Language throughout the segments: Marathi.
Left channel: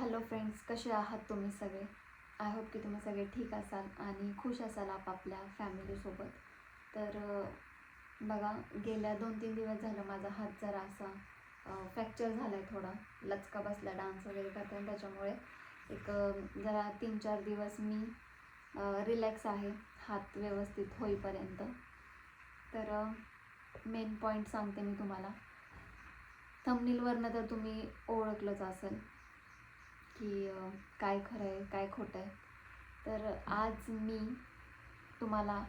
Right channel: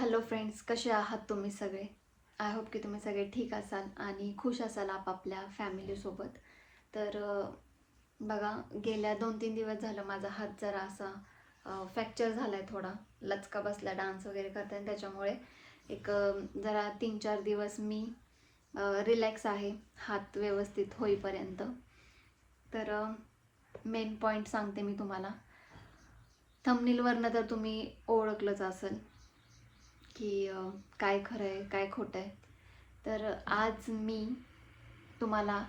हॅलो फ्रेंड्स, कसे आहात तुम्ही सगळे? आय होप की तुम्ही सगळे ठीक असाल आणि खुश असाल आपापल्या फॅमिलीसोबत. तर बघा, गेल्या 2-3 दिवस झालं माझा हात जरा असा फ्रॅक्चर झाला आहे, थोडा लचका बसला डान्स वगैरे करताना. त्याच्यामुळे एक जरा 3-4 दिवस मी रिलॅक्स आहे हात व्यवस्थित होईपर्यंत. तर मेन पॉईंट सांगते मी तुम्हाला. थंबनेलवरनं तर तुम्ही ओळखलंच असेल की काय खरं आहे काय खोटं आहे. तर आज मी तुम्हाला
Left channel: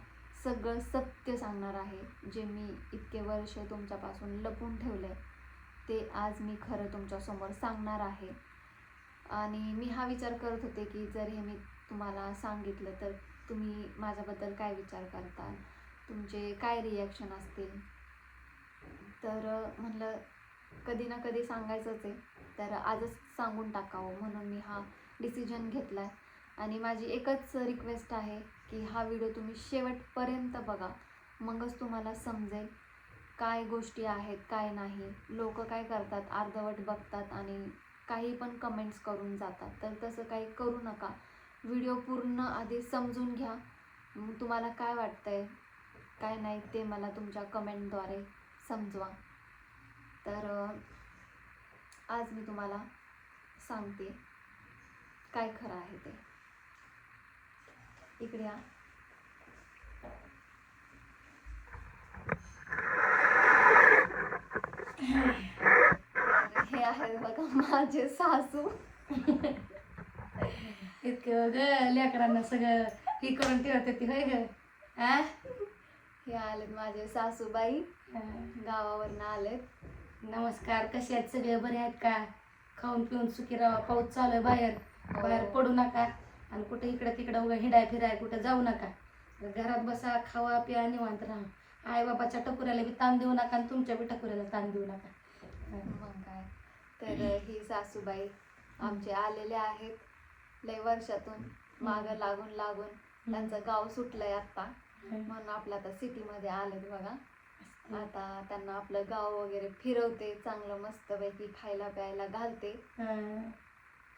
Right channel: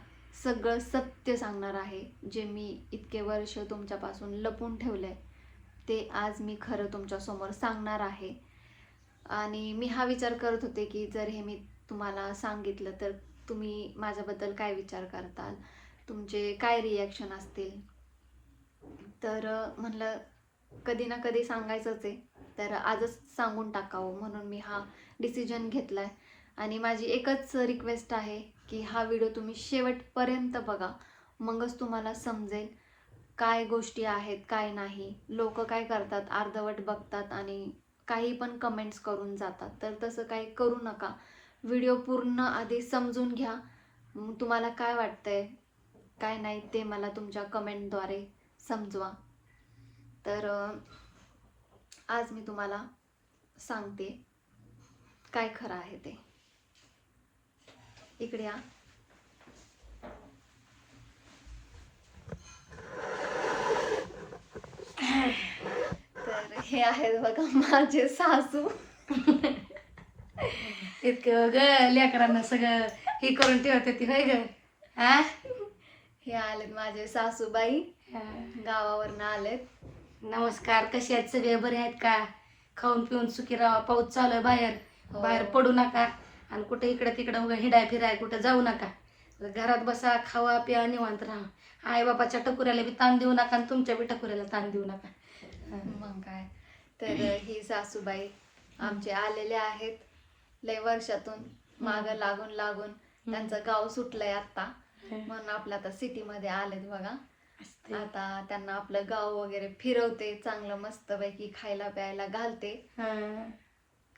सगळं सत्य सांगणार आहे. जे मी इतके वर्ष तुमच्यापासून लपून ठेवलं आहे ते आज मी खरं तुमच्यासमोर सांगणार आहे. आणि मी हा विचार करत होते की जर हे मी तुम्हाला सांगितलं तर तुम्ही माझ्याबद्दल काय विचार करताल, तुमचे काय रिॲक्शन असतील. तर म्हणलं कधी ना कधी सांगायचंच आहे, तर आजच सांगून टाकावं म्हणून मी हा डिसिजन घेतला आहे. आणि माझी एकच रिक्वेस्ट आहे की हा व्हिडिओ तुम्ही शेवटपर्यंत बघा, मगच तुम्हाला समजेल काय गोष्टी आहेत काय नाही. लोक काय करतात, अर्धवट बघतात आणि काही पण कमेंट्स करून जातात. तर तसं काही करू नका. व्हिडिओ पूर्ण आधी समजून घ्या. तुम्हाला काय वाटतंय काय नाही ते मला तुमच्या कमेंटद्वारे समजवा. तर आज मी तुम्हाला सांगते काय खरं आहे ते. इकडे या. तर हे आहेत बघा माझे सासू. इतकं ग लेकरांना सगळं हे करून ठेवते ती होय ग. हा हे आलेत माझे सासूबाई, गावावरनं आलेत. नमस्कार, कसे आहेत सगळे? बरे आहेत का? खाऊन पिऊन सुखी राहा. पाऊस चालू आहे बाहेर, बाहेर पडू नका आणि कुठे इकडे तिकडे हिंडाय फिराय कुठे जाऊ नका. घरात बसा, खावा प्या, निवांत राहा. आई बाबाच्या टकुऱ्याला बी ताण देऊ नका आणि तुमच्या बी टकुऱ्याला ताण देऊ नका. मग काय. तर ही सासूबाई आमचे आलेले आहेत लय वर्षातून मागं लागून लागून. त्यांचं गाव सुटलंय आता म्हणून आपलं आता सिटीमध्ये आलेत बघा. आता त्यांना आपलं गाव वगैरे फिरवते, चांगलं मस्त पैकी खायला प्यायला घालते,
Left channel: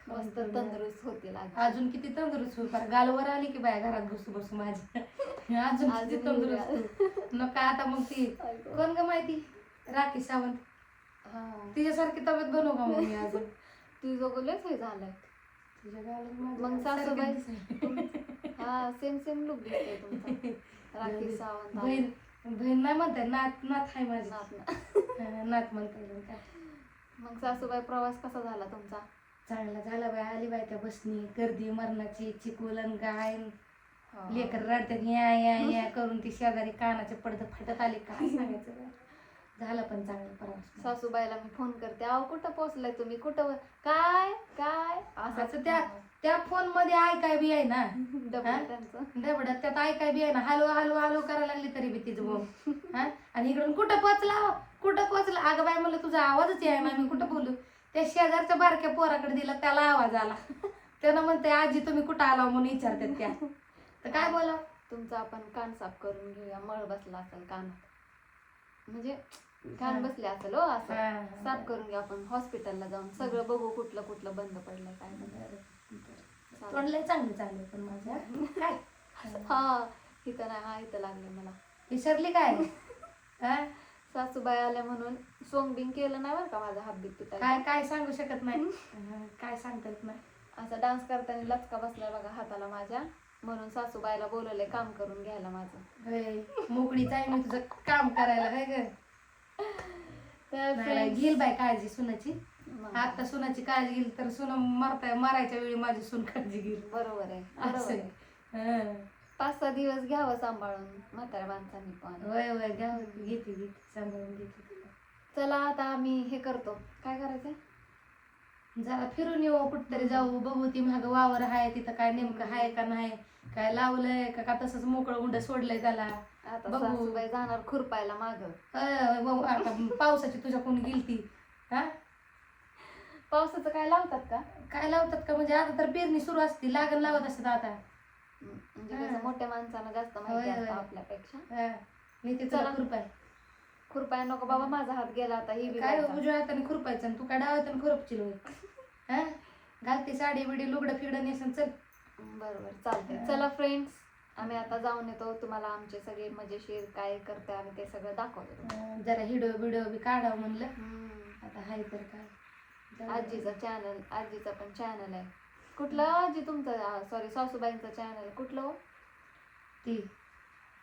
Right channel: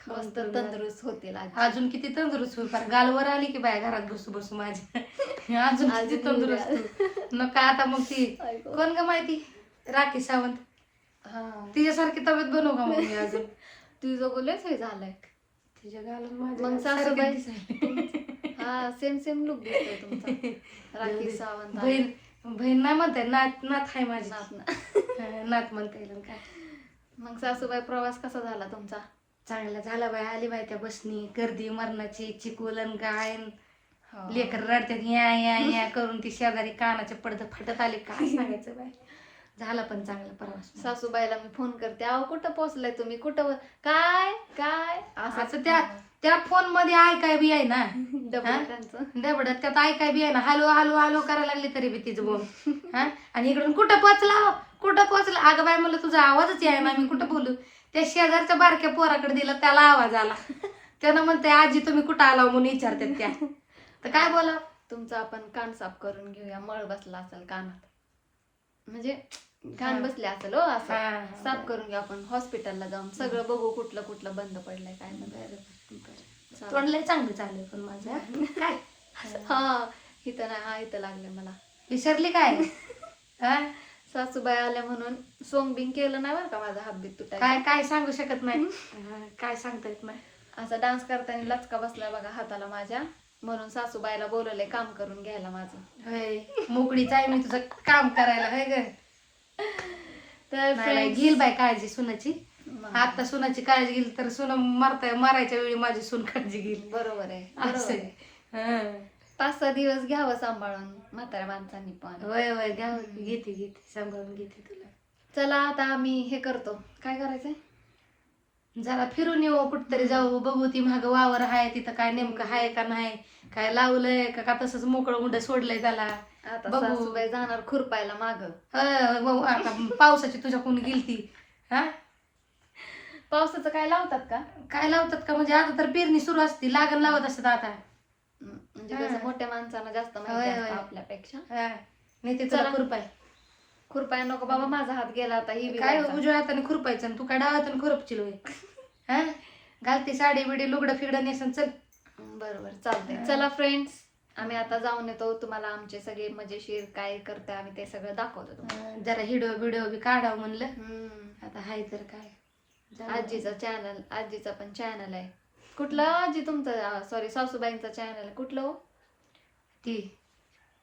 मस्त तंदुरुस्त होतील. अजून किती तंदुरुस्त होईल, पण गालवर आली की बाय घरात बसू बसू माझी अजून किती तंदुरुस्त नका. आता मग ती कोण ग माहिती, राखी सावंत, तिच्यासारखी तब्येत बनवू का मग मी अजून? तुझं बोलच हे झालंय तिच्या गालवर मग सासूबाई. हा सेम सेम लुक दिसतोय तुमचा. राखी सावंत बहीण बहीण नाही म्हणताय, नात नात आहे माझी. नात नात म्हणता येईल काय. मग सासूबाई प्रवास कसा झाला तुमचा? चांगला झाला बाय. आली बाय त्या बसनी, गर्दी मरणाची, चिकोलन गायन, लेकर रडतात या या या करून. ती शेजारी कानाचे पडदे फाटत आले, काय सांगायचं बाय. झाला पण चांगला प्रवास. सासूबाईला मी फोन करते, अहो कुठं पोहोचलाय तुम्ही, कुठं काय काय असं त्या फोन मध्ये ऐकाय बी आहे ना डबडत, त्यात ऐकाय बी आहे ना. हॅलो हॅलो हॅलो करायला लागली तरी बी तिचं बोल. हा आणि इकडून कुठं पोचला हो, कुठं पोचला. अगं बाय म्हणलं तुझा आवाजच आहे ना, मी कुठं बोलू. त्या शेजारच्या बारक्या पोराकडे दिला, त्याला आवाज आला. त्यानं म्हणते आजी तुम्ही कुठं आला म्हणून विचारतात त्या. तर काय बोला. तुमचा आपण कान साफ करून घेऊया. मळ बसला असेल कानात, म्हणजे कान बसले असेल हो, असं साफ करून घेऊ आपण. हॉस्पिटलला जाऊन सगळं बघू कुठलं कुठलं बंद पडलंय काय नाही. तोंडलंय चांगलं चाललंय पण माझं काय. हा इथं नाही, हा इथं लागले मला. विसरली काय? सासूबाई आल्या म्हणून सोंगबिंग केलं नाही बरं का, माझा हात बीत तुटाय. काय काय सांगू शकत नाही, काय सांगता येत नाही. असा डान्स करताना लचका बसलाय बघा हाताला माझ्या, म्हणून सासूबाईला बोलवलंय काम करून घ्यायला माझं. मोकळीच आहे मी तुझं काम करायला आहे ग. तर घेईल बाय काळजी सुनाची. आता सुनाची काळजी घेईल तर सुन मारायच्या वेळी माझी सून काळजी घेईल. बरोबर आहे. 5-6 दिवस घ्यावं सांभाळून म्हाताऱ्या माणसांनी पण. वय वय घ्यावं, घेते सांभाळून घेते तुला. चला आता आम्ही हे करतो, काय करायचंय, जरा फिरून येऊ, कुठतरी जाऊ, बघू ती माग वावर आहे तिथं काय नेमकं आहे का नाही, काय लावलंय का तसंच मोकळं मुंड सोडलंय त्याला. आता सासूबाई जाणार खुरपायला माग. आता पावसाची तुझ्या कोणी गेलती. हा पावसाचं काय लावतात का? काय लावतात का म्हणजे आता तर पेरणी सुरू असते, लागण लावत असतात आता. म्हणजे कसं मोठ्या माणसांना जास्त माहिती असतं आपल्यापेक्षा. नाही ते चला खुरपाय नको बाबा, माझा हात गेला आता. ही काय उजव्या हाताने खुरपायचं आणि तू काय डाव्या हाताने खुरपशील. घालते साडी बिडी लुगडं फिगडं नेसन चल. बरोबर चालतंय. चला फ्रेंड्स, आम्ही आता जाऊन येतो. तुम्हाला आमचे सगळे मजेशीर काय करते आम्ही ते सगळं दाखवतो तुम्हाला. जरा हिडो बिडो बी काढावं म्हणलं. हम्म. आता हाय तर काय. आजीचा पण चॅनल आहे. कुठलं आजी तुमचं, सॉरी सासूबाईंचा चॅनल कुठलं हो? ती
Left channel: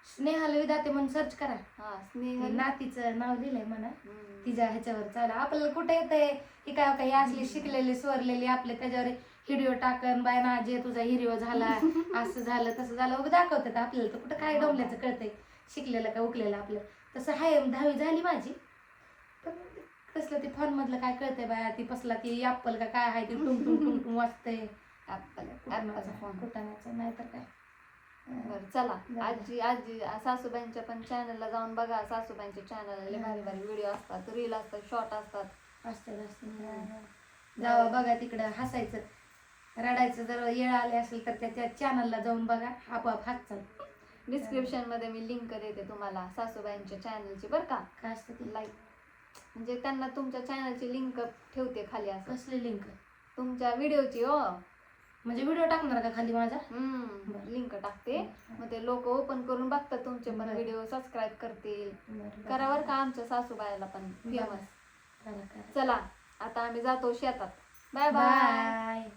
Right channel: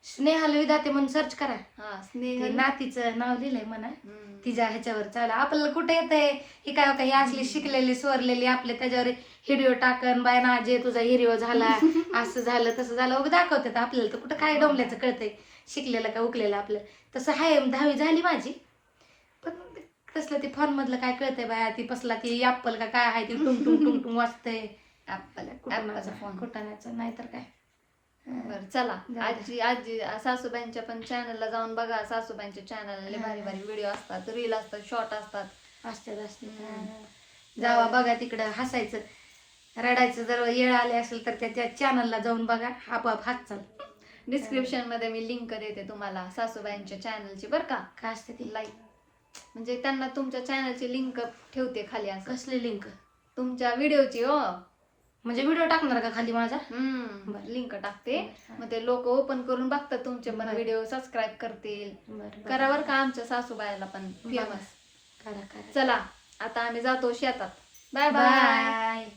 स्नेहल विधाते म्हणून सर्च करा. हा ती स्नेहल. नातीचं नाव लिहिलंय म्हणा. हम्म. तिच्या ह्याच्यावर चालू आपल्याला कुठे येतंय ही काय काही असली शिकलेली स्वरलेली आपले त्याच्यावर हिडिओ टाकन बाय ना जे तुझा हिरिओ झाला असं झालं तसं झालं उगा दाखवतात आपल्याला. तर कुठं काय डोंबल्याचं कळतंय शिकलेलं का उकलेलं आपलं. तसं हाय 10वी झाली माझी, पण तसलं ते फोन मधलं काय कळतंय बाया. ती पसला ती ऍपल का काय आहे ती टुंग टुंग टुंग टुंग वाजतंय. ऍपलचा फोन. कुठाण्याचं नाही तर काय. बरं चला. आजी सासूबाईंच्या पण चॅनलला जाऊन बघा. सासूबाईंच्या चॅनलला भारी भारी व्हिडिओ असतात, रील असतात, शॉर्ट असतात. जावा बघा तिकडं हसायचं रडायचं जर येळ आले असेल तर त्या चॅनलला जाऊन बघा आपोआप हात डिस्क्रिप्शन मध्ये मी लिंक देते तुम्हाला सासूबाईंच्या चॅनलची बरं का. काय असते ती लाईक म्हणजे त्यांना तुमच्या चॅनलची लिंक ठेवते खाली. असं कसली लिंक तुमच्या व्हिडिओची हो. म्हणजे व्हिडिओ टाकणार का खाली माझा. लिंक टाकते. मग ते लोक ओपन करून बघतात तुमचे पण व्हिडिओ, सबस्क्राईब करतील. करा बरं का आमच्या सासूबाईला पण फेमस. करा. चला आता आम्ही जातो शेतात. Bye bye. बाय.